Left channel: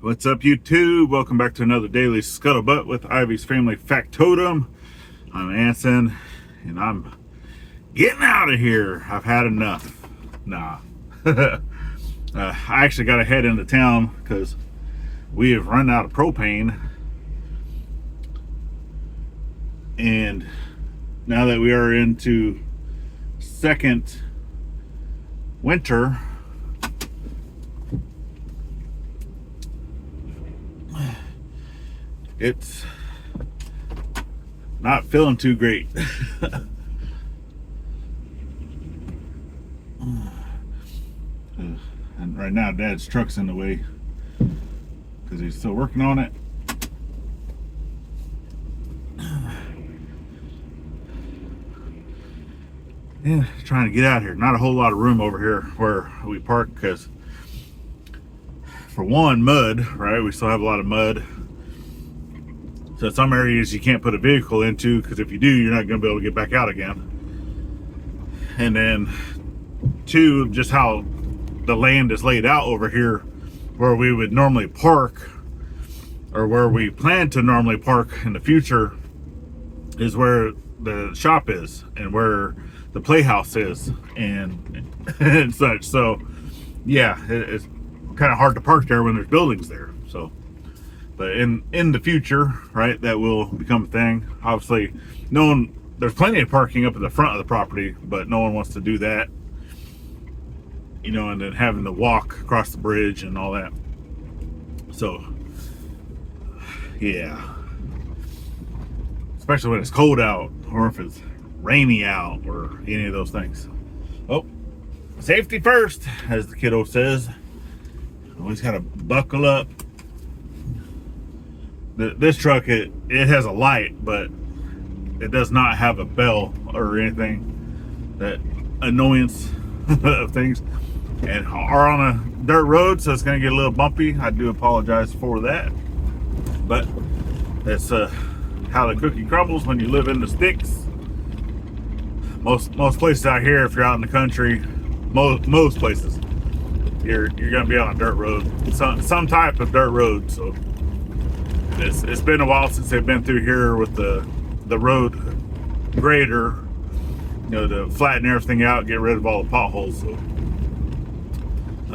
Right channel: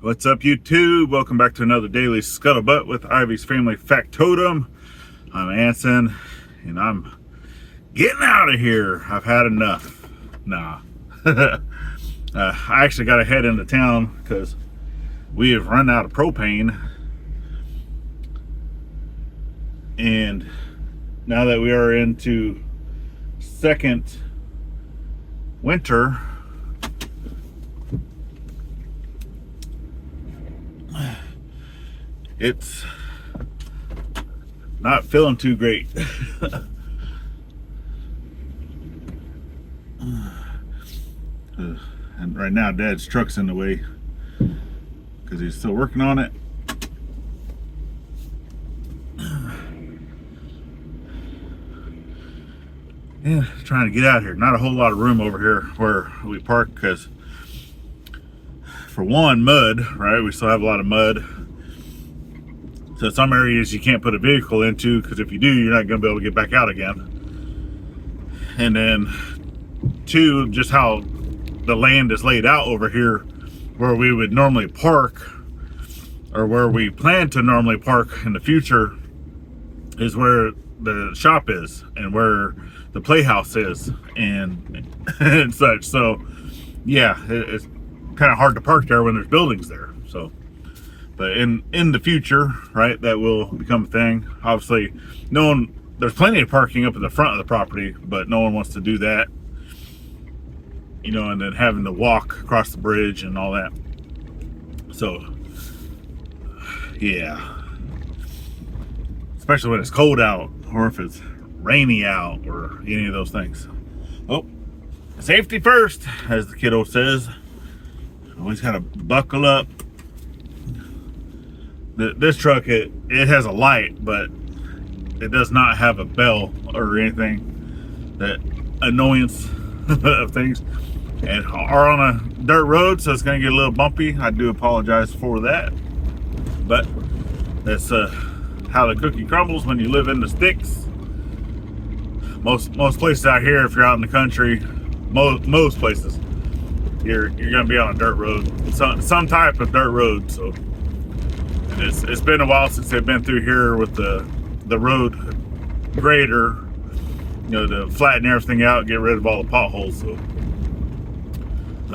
What's up, YouTube? Welcome back to another daily scuttlebutt with Ivy's Family Factotum. I'm Anson, and I'm getting out of here. I've had enough. Nah. I actually got to head into town because we have run out of propane. And now that we are into second winter, it's not feeling too great. And right now Dad's truck's in the way because he's still working on it. Yeah, trying to get out of here. Not a whole lot of room over here where we park because, for one, mud, right? We still have a lot of mud. So some areas you can't put a vehicle into because if you do, you're not going to be able to get back out again. And then, two, just how the land is laid out over here where we would normally park, or where we plan to normally park in the future, is where the shop is and where the playhouse is and such. So yeah, it's kind of hard to park there when there's buildings there. So, but in the future, right, that will become a thing. Obviously, there's plenty of parking up at the front of the property, but no one wants to do that, you know, and then having to walk across the bridge and all that. So yeah, especially when it's cold out or if it's rainy out or any of those things. Oh, safety first, as the kiddo says. Always gotta buckle up. This truck, it has a light, but it does not have a bell or anything. That annoyance of things. And are on a dirt road, so it's gonna get a little bumpy. I do apologize for that, but that's how the cookie crumbles when you live in the sticks. Most places out here, if you're out in the country, most places, you're gonna be on a dirt road, some type of dirt road. So it's been a while since they've been through here with the road grader, you know, to flatten everything out, get rid of all the potholes. So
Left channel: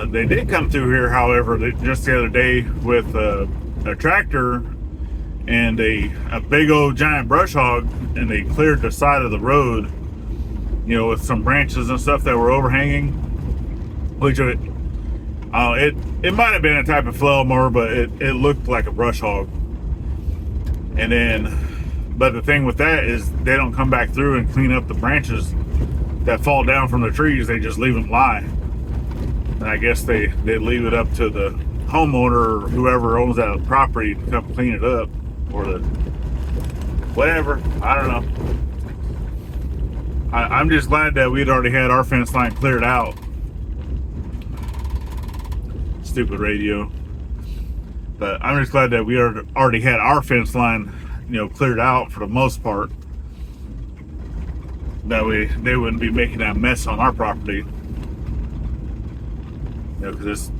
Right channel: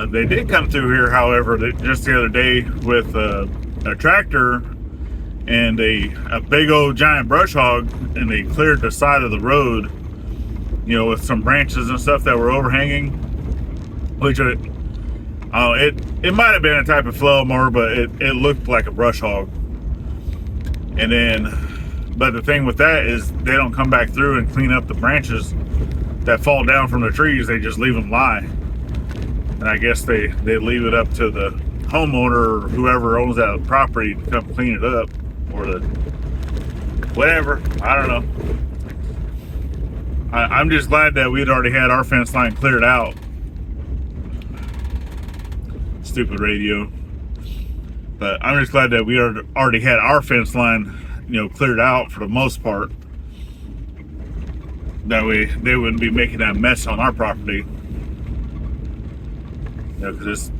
they did come through here, however, just the other day with a tractor and a big old giant brush hog, and they cleared the side of the road, you know, with some branches and stuff that were overhanging, which it might have been a type of flail mower, but it looked like a brush hog. And then, but the thing with that is they don't come back through and clean up the branches that fall down from the trees. They just leave them lie. And I guess they leave it up to the homeowner or whoever owns that property to come clean it up, or the whatever. I don't know. I'm just glad that we'd already had our fence line cleared out. Stupid radio. But I'm just glad that we already had our fence line, you know, cleared out for the most part. That way they wouldn't be making that mess on our property. You know, because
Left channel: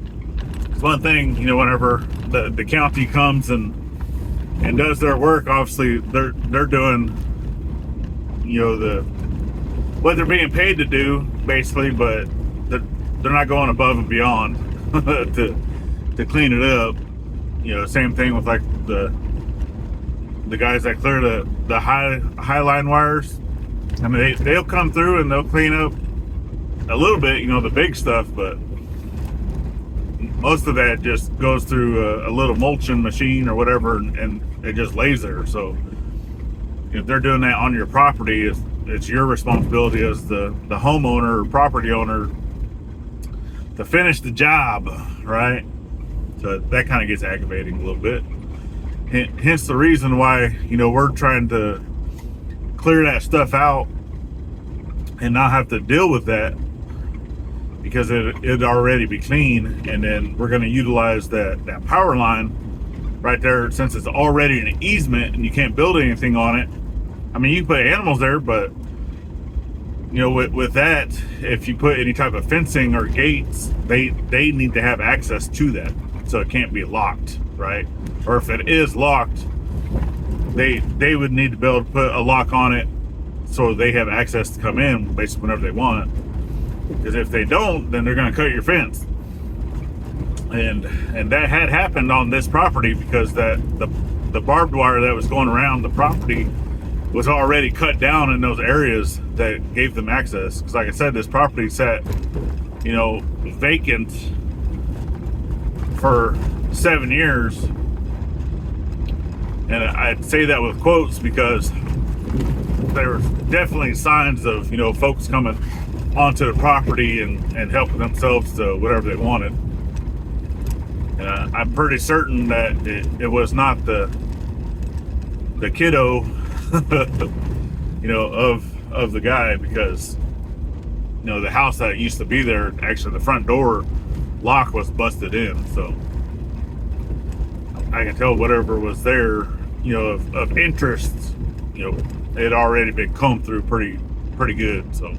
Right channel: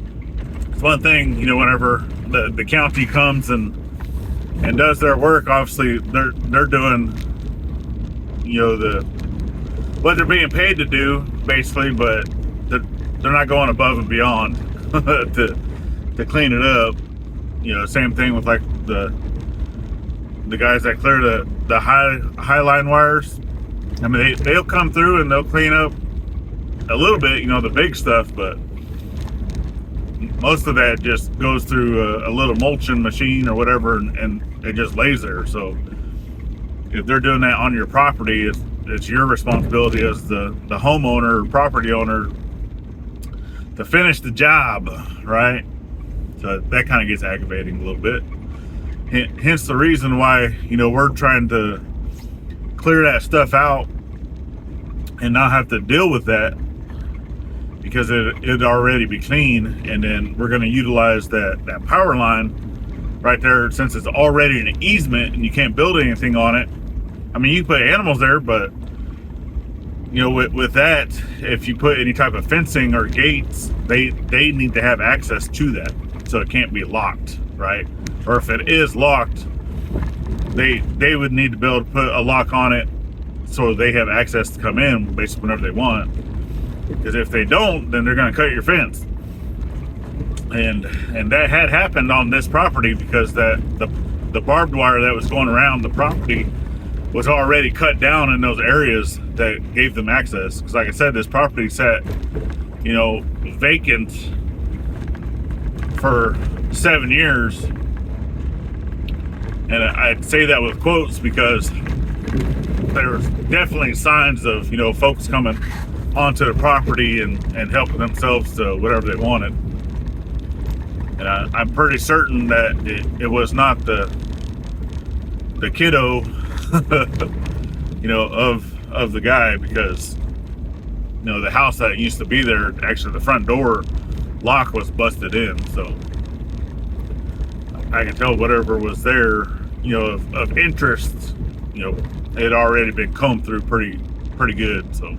it's one thing, you know, whenever the county comes and does their work, obviously they're doing, you know, what they're being paid to do, basically, but they're not going above and beyond to clean it up. You know, same thing with like the guys that clear the high line wires. I mean, they'll come through and they'll clean up a little bit, you know, the big stuff, but most of that just goes through a little mulching machine or whatever, and it just lays there. So if they're doing that on your property, it's your responsibility as the homeowner or property owner to finish the job, right? So that kind of gets aggravating a little bit. Hence the reason why, you know, we're trying to clear that stuff out and not have to deal with that, because it'd already be clean. And then we're going to utilize that power line right there, since it's already an easement and you can't build anything on it. I mean, you can put animals there, but you know, with that, if you put any type of fencing or gates, they need to have access to that. so it can't be locked, right? Or if it is locked, they would need to be able to put a lock on it so they have access to come in basically whenever they want. Because if they don't, then they're going to cut your fence. And that had happened on this property, because the barbed wire that was going around the property was already cut down in those areas that gave them access. Because like I said, this property sat, you know, vacant for 7 years. And I'd say that with quotes because there was definitely signs of, you know, folks coming onto the property and helping themselves to whatever they wanted. And I'm pretty certain that it was not the kiddo, you know, of the guy, because, you know, the house that used to be there, actually the front door lock was busted in, so I can tell whatever was there, you know, of interest, you know, it had already been combed through pretty good. So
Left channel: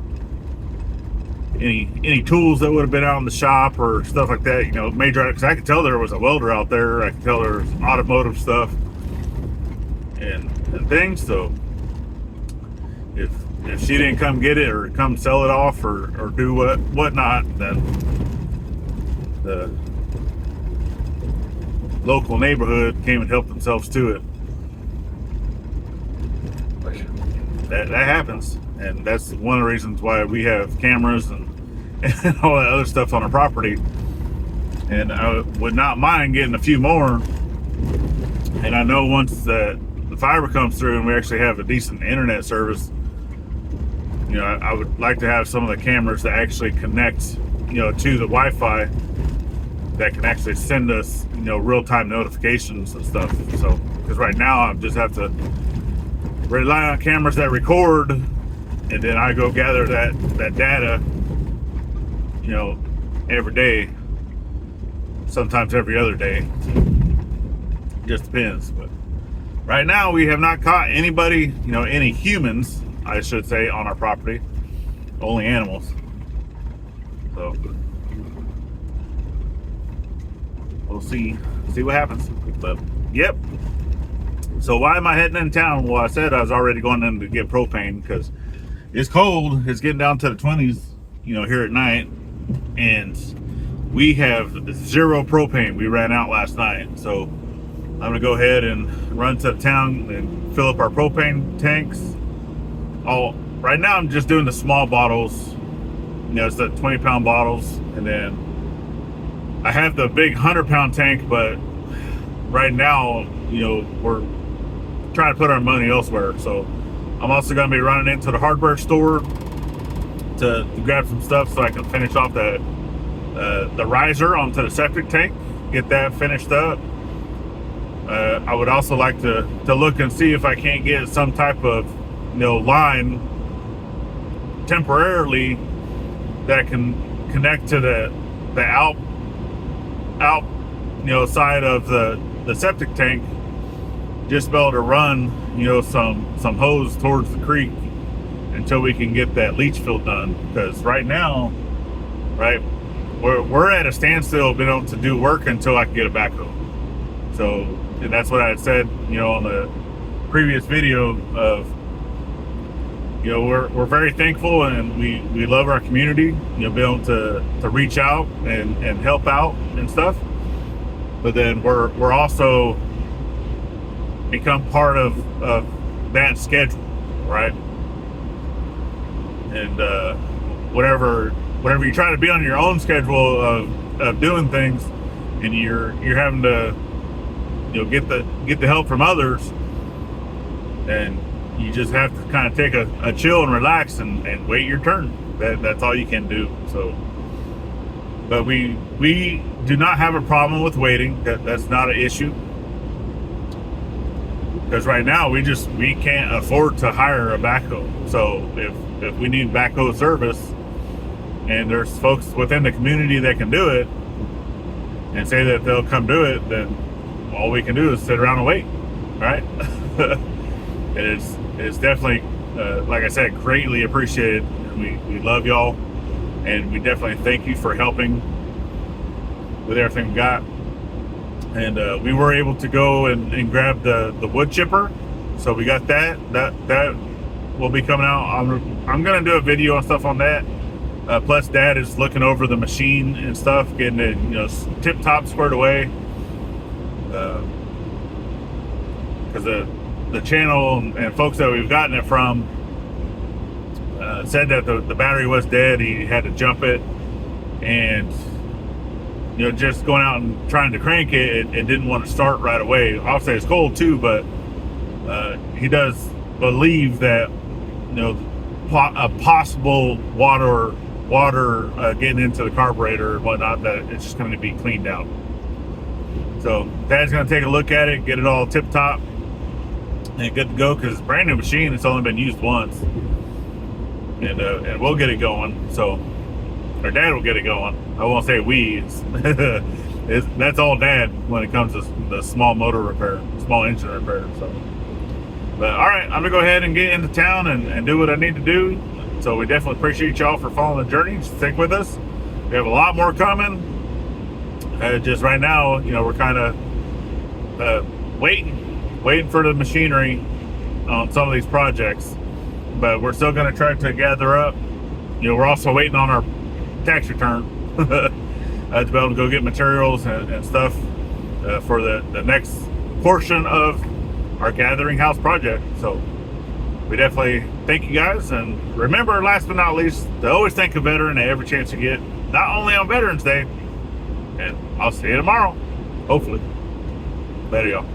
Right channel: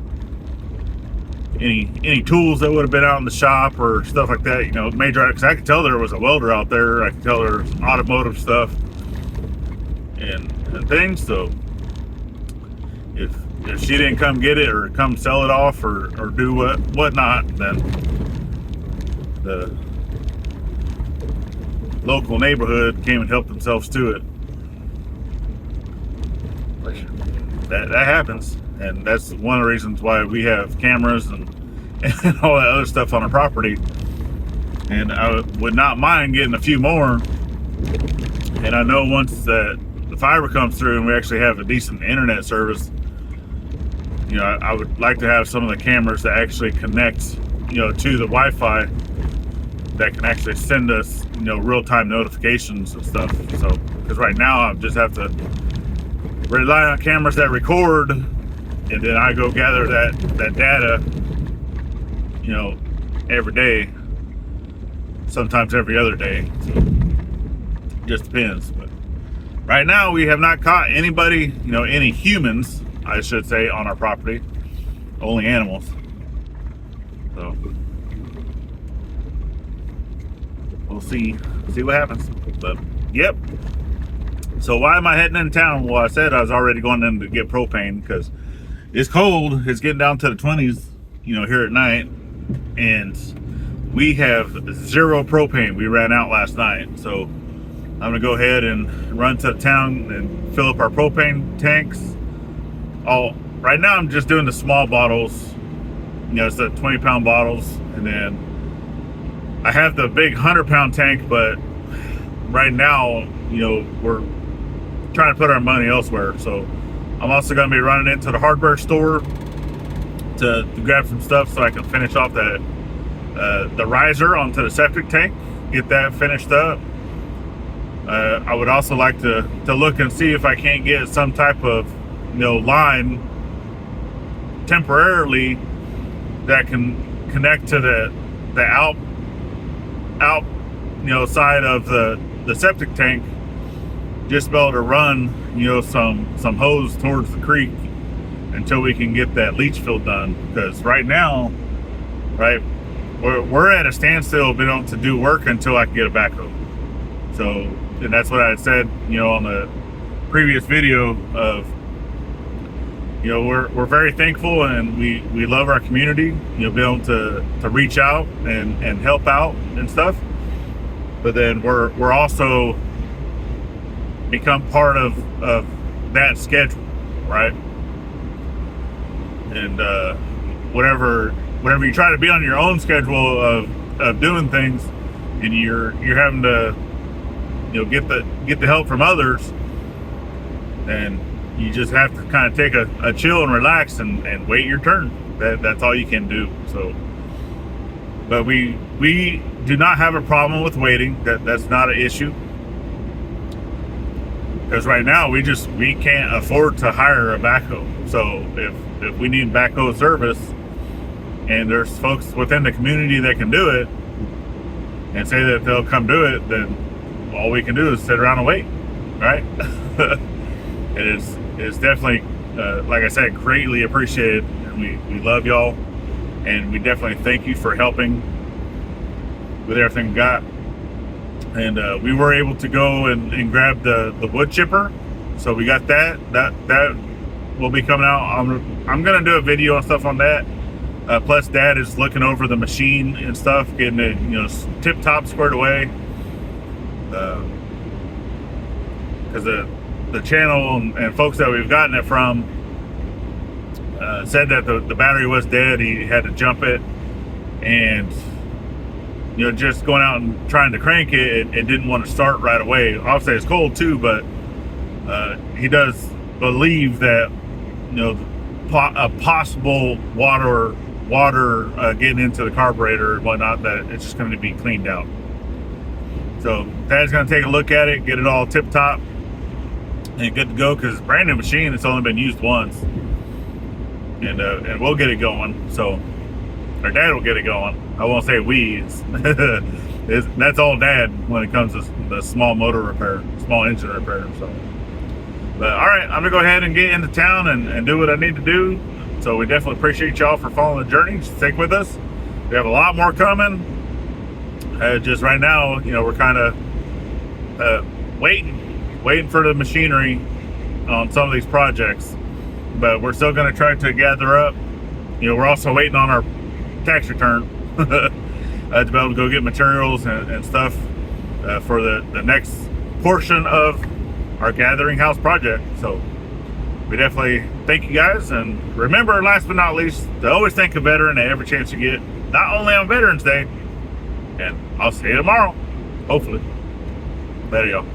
any tools that would have been out in the shop or stuff like that, you know, major, because I could tell there was a welder out there. I could tell there was automotive stuff and things. So if she didn't come get it or come sell it off or do whatnot, then the local neighborhood came and helped themselves to it. That happens, and that's one of the reasons why we have cameras and all that other stuff on our property. And I would not mind getting a few more. And I know once that the fiber comes through and we actually have a decent internet service, you know, I would like to have some of the cameras that actually connect, you know, to the Wi-Fi, that can actually send us, you know, real-time notifications and stuff. So, because right now I just have to rely on cameras that record, and then I go gather that data, you know, every day, sometimes every other day. So, just depends. But right now we have not caught anybody, you know, any humans, I should say, on our property. Only animals. So we'll see what happens. But yep. So why am I heading in town? Well, I said I was already going in to get propane because it's cold. It's getting down to the 20s, you know, here at night, and we have 0 propane. We ran out last night, so I'm gonna go ahead and run to town and fill up our propane tanks. Right now I'm just doing the small bottles. You know, it's the 20-pound bottles, and then I have the big 100-pound tank, but right now, you know, we're trying to put our money elsewhere. So I'm also going to be running into the hardware store to grab some stuff so I can finish off the riser onto the septic tank, get that finished up. I would also like to look and see if I can't get some type of, you know, line temporarily that can connect to the out you know, side of the septic tank, just be able to run, you know, some hose towards the creek until we can get that leach field done. Because right now, right, we're at a standstill, being able to do work until I can get a backhoe. So, and that's what I had said, you know, on the previous video of, you know, we're very thankful, and we love our community, you know, be able to reach out and help out and stuff. But then we're also become part of that schedule, right? And whenever you try to be on your own schedule of doing things, and you're having to, you know, get the help from others, and you just have to kind of take a chill and relax and wait your turn. That's all you can do. So, but we do not have a problem with waiting. That's not an issue. Because right now we can't afford to hire a backhoe. So if we need backhoe service, and there's folks within the community that can do it and say that they'll come do it, then all we can do is sit around and wait, right? It's definitely, like I said, greatly appreciated. And we love y'all, and we definitely thank you for helping with everything we got. and we were able to go and grab the wood chipper. So we got that will be coming out. I'm gonna do a video and stuff on that. Plus Dad is looking over the machine and stuff, getting it, you know, tip top squared away, because the channel and folks that we've gotten it from said that the battery was dead. He had to jump it, and you know, just going out and trying to crank it didn't want to start right away. Obviously it's cold too, but he does believe that, you know, a possible water getting into the carburetor and whatnot, that it's just going to be cleaned out. So Dad's going to take a look at it, get it all tip top and good to go, because it's a brand new machine. It's only been used once, and we'll get it going. So our Dad will get it going. I won't say we. That's all Dad when it comes to the small motor repair, small engine repair. So, but all right, I'm gonna go ahead and get into town and do what I need to do. So we definitely appreciate y'all for following the journey. Stick with us. We have a lot more coming. Just right now, you know, we're kind of waiting for the machinery on some of these projects, but we're still going to try to gather up. You know, we're also waiting on our tax return to be able to go get materials and stuff for the next portion of our gathering house project. So we definitely thank you guys, and remember, last but not least, to always thank a veteran at every chance you get, not only on Veterans Day. And I'll see you tomorrow, hopefully. Later, y'all.